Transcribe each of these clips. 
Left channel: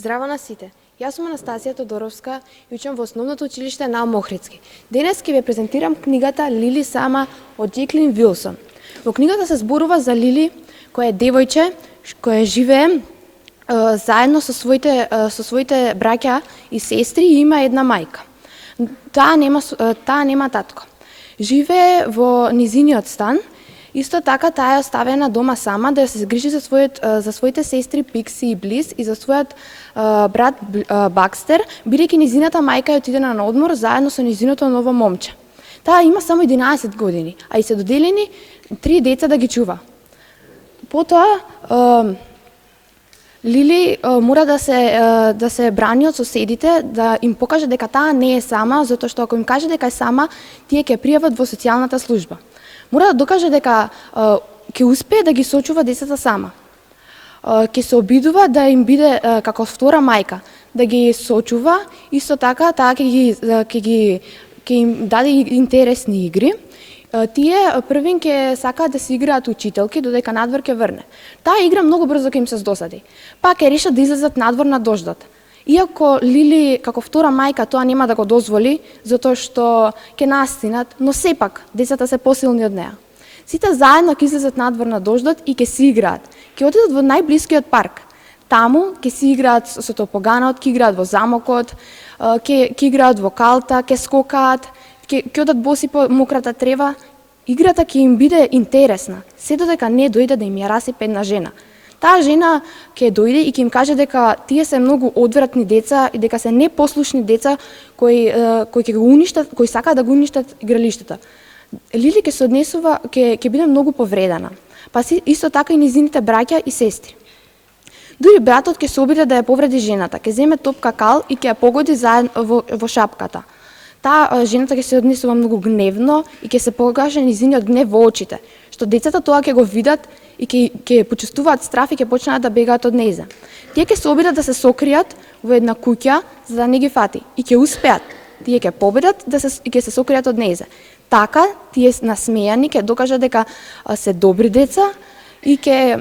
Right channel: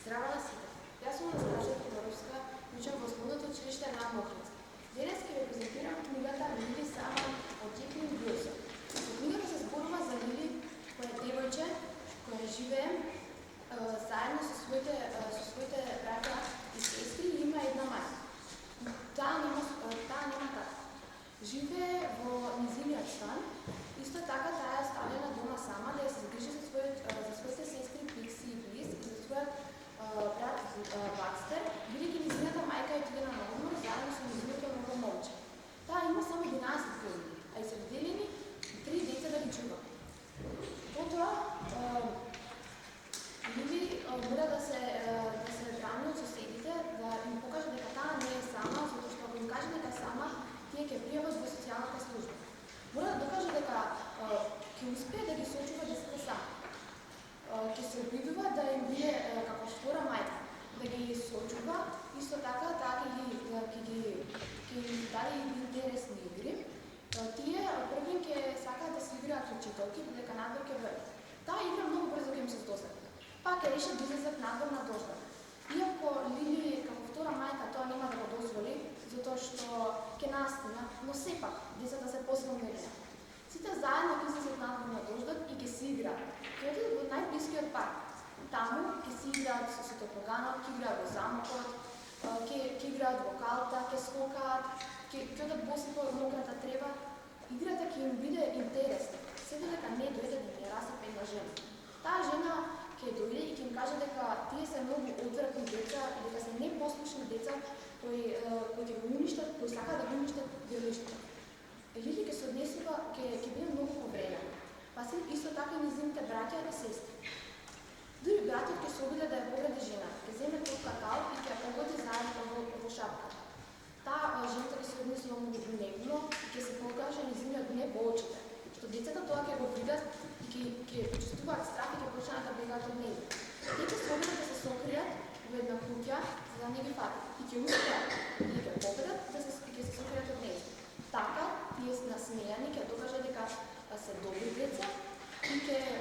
Здраво на сите! Јас сум Анастасија Тодоровска и учам во Основното училиште Наум Охридски. Денес ќе ве презентирам книгата Лили Сама од Джеклин Вилсон. Во книгата се зборува за Лили, која е девојче, која живее заедно со своите браќа и сестри и има една мајка. Таа нема татко. Живее во низиниот стан. Исто така таа е оставена дома сама да се грижи за своите сестри Пикси и Близ и за својот брат Бакстер, бидејќи низината мајка отиде на одмор заедно со низиното ново момче. Таа има само 11 години, а и се доделени 3 деца да ги чува. Потоа Лили мора да се брани од соседите, да им покаже дека таа не е сама, затоа што ако им каже дека е сама, тие ќе пријават во социјалната служба. Мора да докаже дека ќе успее да ги сочува децата сама. Ќе се обидува да им биде како втора мајка, да ги сочува, исто така таа ќе им даде интересни игри. Тие првин ќе сакаат да се играат учителки, додека надвор ќе врне. Таа игра многу брзо ќе им се здосади. Па ќе решат да излезат надвор на дождот. Иако Лили како втора мајка тоа нема да го дозволи, затоа што ќе настинат, но сепак децата се посилни од неа. Сите заедно ќе излезат надвор на дождот и ќе си играат. Ќе отидат во најблискиот парк. Таму ќе си играат со топоганот, ќе играат во замокот, ќе играат во калта, ќе скокаат, ќе одат боси по мократа трева. Играта ќе им биде интересна, се додека не дојде да им ја расипе една жена. Таа жена ќе дојде и ќе им каже дека тие се многу одвратни деца и дека се непослушни деца кои ќе го уништат, кои сакаат да го уништат игралиштата. Лили ќе се однесува, ќе биде многу повредена. Па исто така и низините браќа и сестри. Дури братот ќе се обиде да ја повреди жената, ќе земе топка кал и ќе ја погоди во шапката. Таа жената ќе се однесува многу гневно и ќе се покаже низиниот гнев во очите, што децата тоа ќе го видат и ќе почувствуваат страф и ќе почнат да бегаат од нејза. Тие ќе се обидат да се сокријат во една куќа за да не ги фати и ќе успеат. Тие ќе победат и ќе се сокријат од нејза. Така тие насмејани ќе докажат дека се добри деца и ќе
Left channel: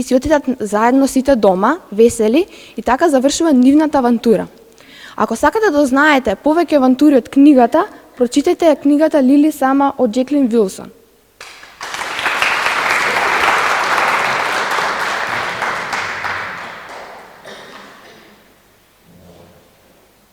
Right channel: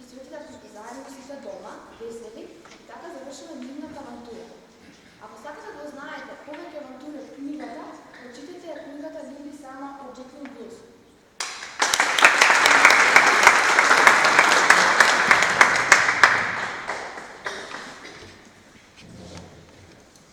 си отидат заедно сите дома, весели, и така завршува нивната авантура. Ако сакате да знаете повеќе авантури од книгата, прочитајте книгата Лили Сама од Джеклин Вилсон.